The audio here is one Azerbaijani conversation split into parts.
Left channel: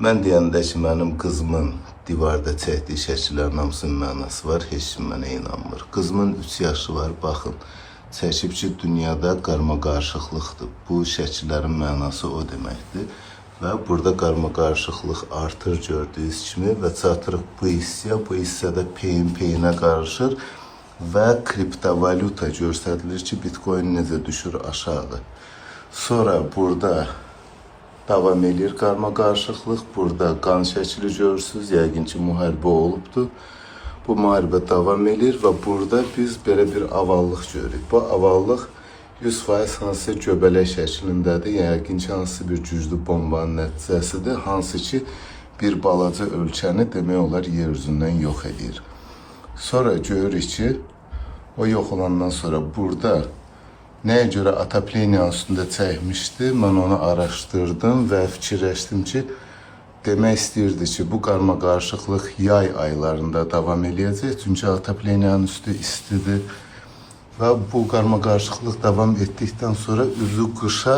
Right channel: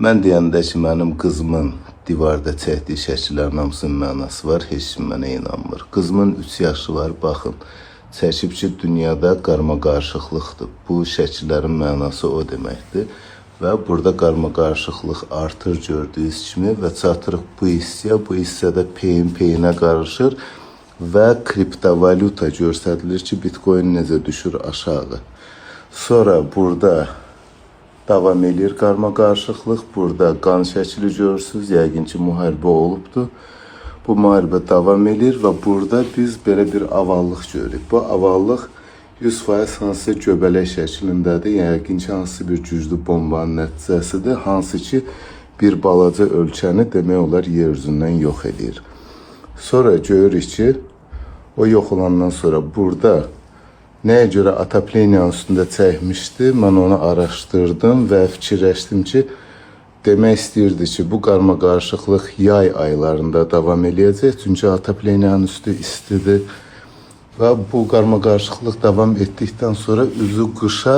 Mən deyəndə ki, mənim qızımın divarda çəkdiyi şəkillərin hamısının mənası var, heç kim mənə inanmır. Qızımın 3 yaşı var, baxın, çəkib ki, dünyada qarma-qarışıqlıqdır. Bu şəkillərin mənası o deməkdir. Və burada qarma-qarışıqlıq artır gördüyünüz kimi və çatırıq bu hissədə peyin-peyinə qarışır və kriptovalyuta göstərilir ki, Bitcoin necə düşür aşağı. Sonra burada davam edir qarma-qarışıqlıq. Burada qan şəkili görürsünüz. Yəqin ki, müharibə olubdur. Bu müharibə davam edir və burada biz belə bir avallıq görürük. Bu avallıq 100% hansısa göbələk şəklindədir. Yəqin ki, hansısa bir güclü bombanın nəticəsidir. Hansı ki, bir balaca ölkəni demək olar yer üzündən yox edir. Sonra görürük ki, o yox olandan sonra burada nəyə görə Atapleniyanın üstündə çəkmişdi, mən onu araşdırdım və fikirləşdim ki, demək istəyirdi ki, bu qarma-qarışıqlıq yay aylarında davam eləyəcək, çünki Atapleniyanın üstü istidir və bu qarma-qarışıqlıq davam etdikdən sonra üzü qışa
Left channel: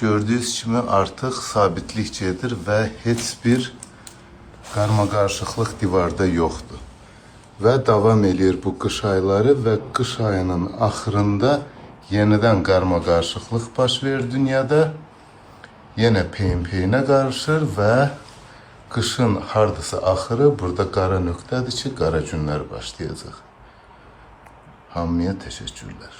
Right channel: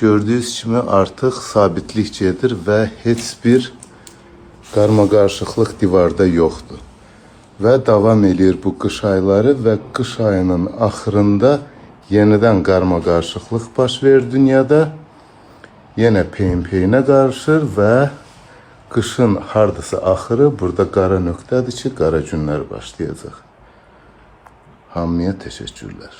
gördüyünüz kimi artıq sabitlik gedir və heç bir qarma-qarışıqlıq divarda yoxdur. Və davam edir bu qış ayları və qış ayının axırında yenidən qarma-qarışıqlıq baş verir dünyada. Yenə peyin-peyinə qarışır və qışın hardasa axırı burada qara nöqtədir ki, qara günlər başlayacaq. Hamıya təşəkkürlər.